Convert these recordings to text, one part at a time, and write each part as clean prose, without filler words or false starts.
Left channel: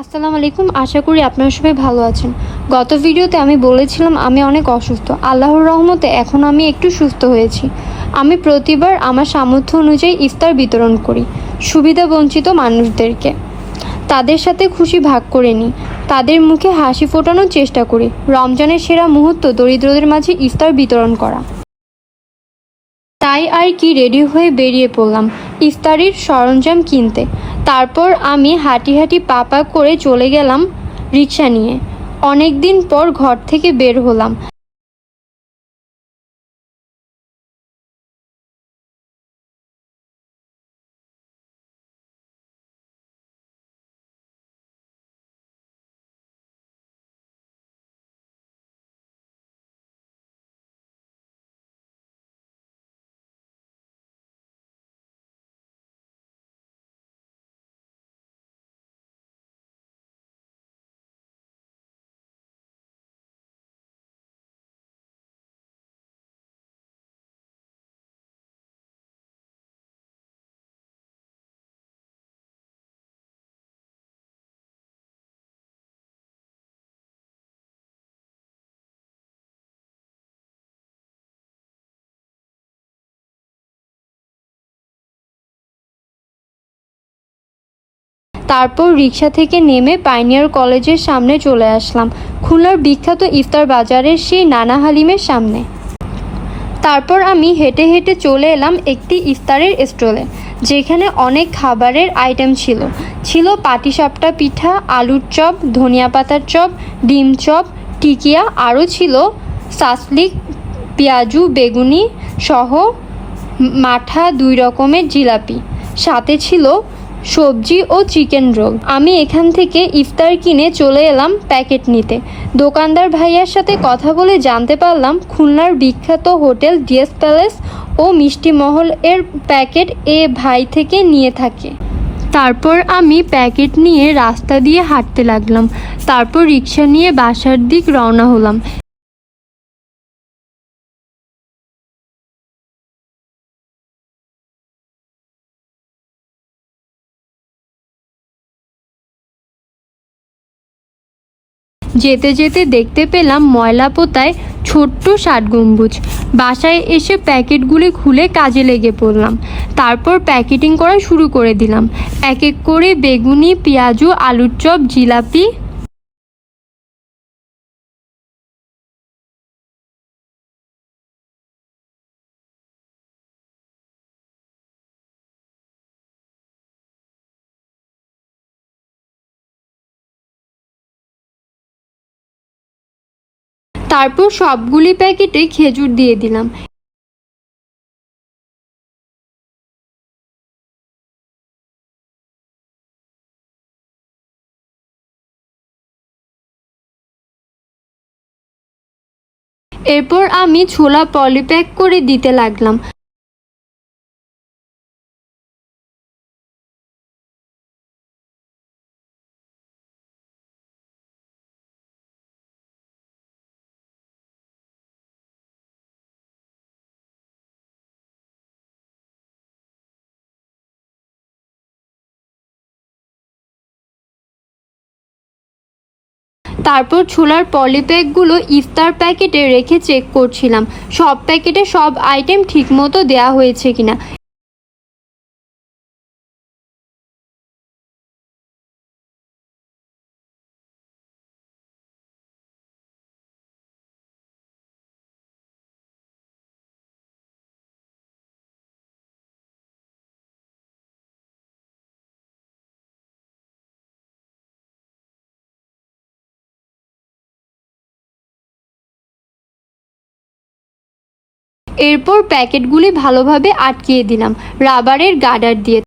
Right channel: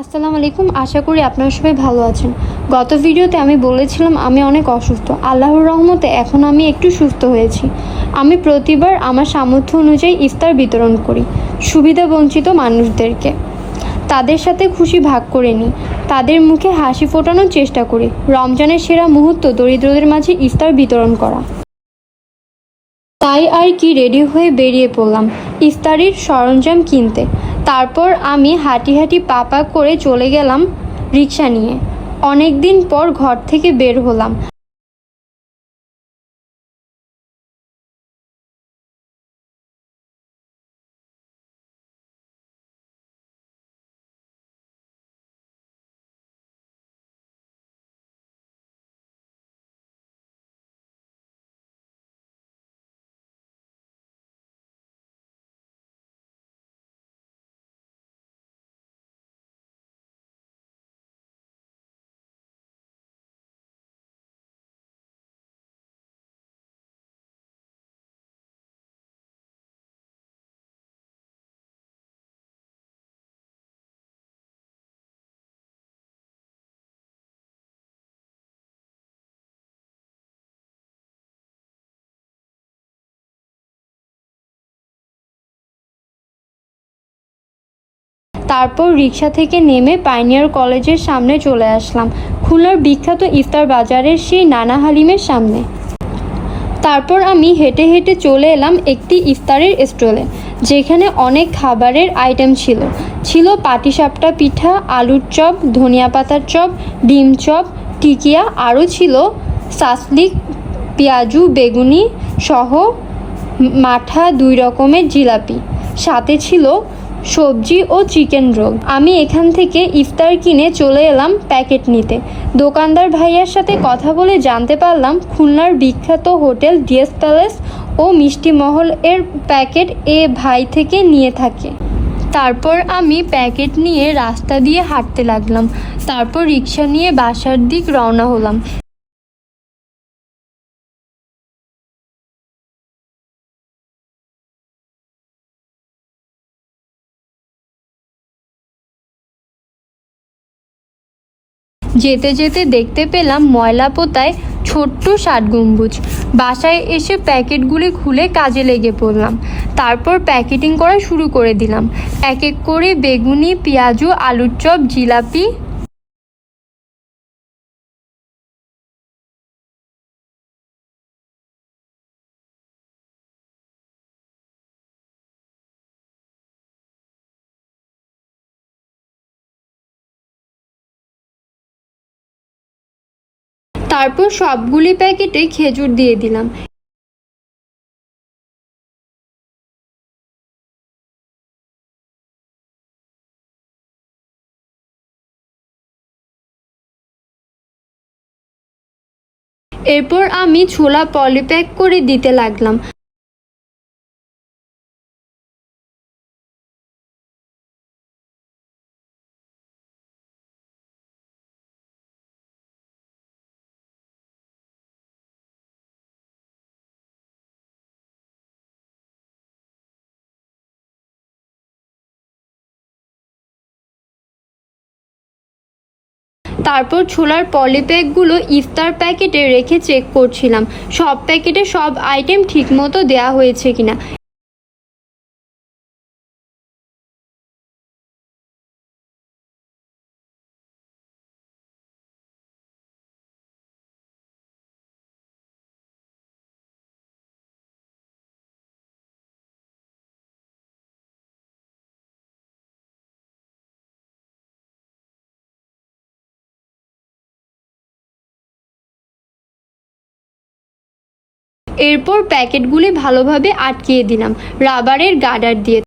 আসসালামু আলাইকুম। আশা করি আপনারা সবাই ভালো আছেন। গত ভিডিওতে আমি বলেছিলাম আমি অনেক অসুস্থ। আল্লাহর রহমতে এখন আমি একটু সুস্থ হয়েছি। আমি প্রতিবার আমার সামর্থ্য অনুযায়ী ইফতার বিতরণ করি সুবিধাবঞ্চিত মানুষদেরকে। তাদের সাথে খুশি ভাগ করে নিই, তাদের মুখে হাসি ফোটানোর চেষ্টা করি। রমজানের সেরা মুহূর্ত দরিদ্রদের মাঝে ইফতার বিতরণ করা। তাই আর কি রেডি হয়ে বেরিয়ে পড়লাম ইফতারির সরঞ্জাম কিনতে। তারপর আমি হাঁটি হাঁটি পা পা করে চলে গেলাম রিক্সা নিয়ে। অনেক দিন পর ঘর থেকে বের হলাম। তারপর রিক্সা থেকে নেমে পাইনিয়ার কলেজের সামনে চলে আসলাম, খুলনার বিখ্যাত ইফতার বাজারের সেই নানা হালিমের সামনে। তারপর আমি হেঁটে হেঁটে চলে এলাম একটি ইফতারের স্টলে, যেখানে অনেক খাবারের আইটেম ছিল। ছিল পাটিসাপটা পিঠা, আলুর চপ, ধনিয়া পাতার চপ, ডিম চপ, টিকিয়া, আরও ছিল সাসলিক, পেঁয়াজু, বেগুনি সহ মাঠা 2 রকমের জিলাপি। সাথে ছিল সবজি ও চিকেন রোল। আমি এখান থেকে ইফতার কিনে চলে এলাম প্যাকেট নিতে। দোকানদার ভাইয়ার সাথে কথা বলে জানতে পারলাম খুলনার বিখ্যাত হোটেল ডিএস প্যালেস ও মিষ্টি মহল এর প্যাকেট এ ভাই থেকে নিয়ে থাকে। তারপর আমি প্যাকেট নিয়ে রাস্তা দিয়ে হাঁটতে লাগলাম। তারপর রিক্সা নিয়ে বাসার দিক রওনা হলাম। যেতে যেতে দেখতে পেলাম ময়লা পোতায় ছোট্ট 7 গম্বুজ। বাসায় এসে প্যাকেটগুলি খুলে কাজে লেগে পড়লাম। তারপর প্যাকেটিং করা শুরু করে দিলাম। এক এক করে বেগুনি, পেঁয়াজু, আলুর চপ, জিলাপি। তারপর সবগুলি প্যাকেটে খেজুর দিয়ে দিলাম। এরপর আমি ছোলা পলিপ্যাক করে দিতে লাগলাম। তারপর ছোলার পলিপ্যাকগুলো ইফতার প্যাকেটে রেখে চেক করছিলাম সব প্যাকেটে সব আইটেম ঠিকমতো দেওয়া হয়েছে কিনা। এরপর প্যাকেটগুলি ভালোভাবে আটকিয়ে দিলাম রাবারের গার্ডার দিয়ে।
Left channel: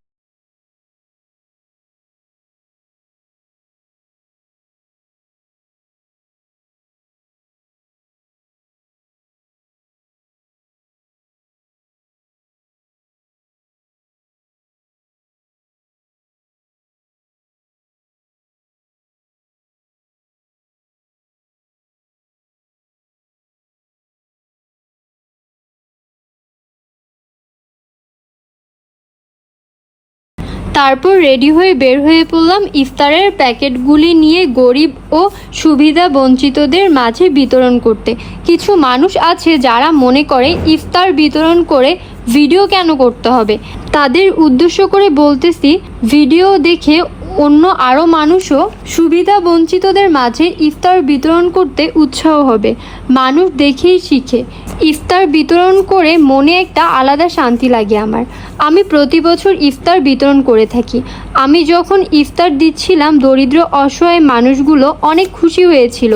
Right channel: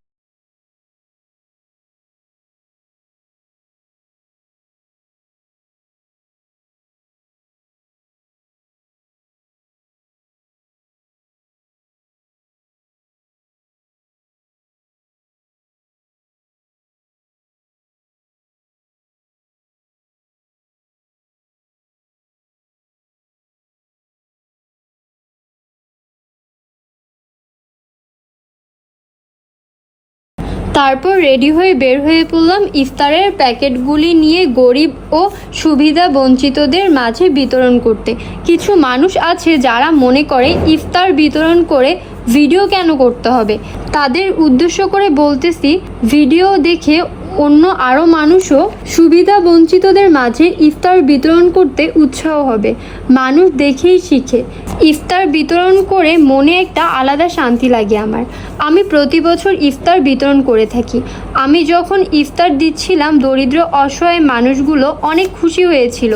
তারপর রেডি হয়ে বের হয়ে পড়লাম ইফতারের প্যাকেটগুলি নিয়ে গরিব ও সুবিধা বঞ্চিতদের মাঝে বিতরণ করতে। কিছু মানুষ আছে যারা মনে করে ইফতার বিতরণ করে ভিডিও কেন করতে হবে। তাদের উদ্দেশ্য করে বলতেছি, ভিডিও দেখে অন্য আরও মানুষও সুবিধা বঞ্চিতদের মাঝে ইফতার বিতরণ করতে উৎসাহ হবে। মানুষ দেখেই শিখে। ইফতার বিতরণ করে মনে একটা আলাদা শান্তি লাগে আমার। আমি প্রতি বছর ইফতার বিতরণ করে থাকি। আমি যখন ইফতার দিচ্ছিলাম দরিদ্র অসহায় মানুষগুলো অনেক খুশি হয়েছিল,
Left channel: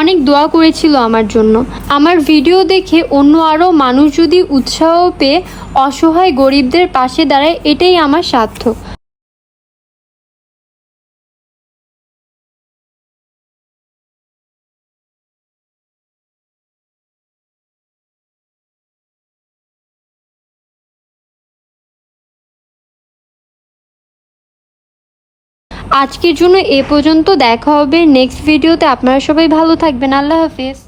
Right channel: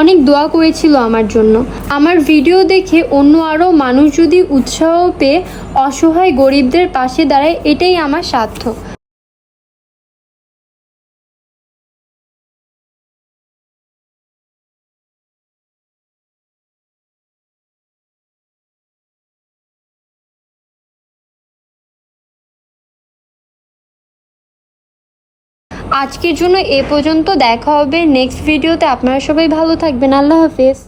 অনেক দোয়া করেছিল আমার জন্য। আমার ভিডিও দেখে অন্য আরও মানুষ যদি উৎসাহ পেয়ে অসহায় গরিবদের পাশে দাঁড়ায়, এটাই আমার সার্থক। আজকের জন্য এ পর্যন্ত। দেখা হবে নেক্সট ভিডিওতে। আপনারা সবাই ভালো থাকবেন। আল্লাহ হাফেজ।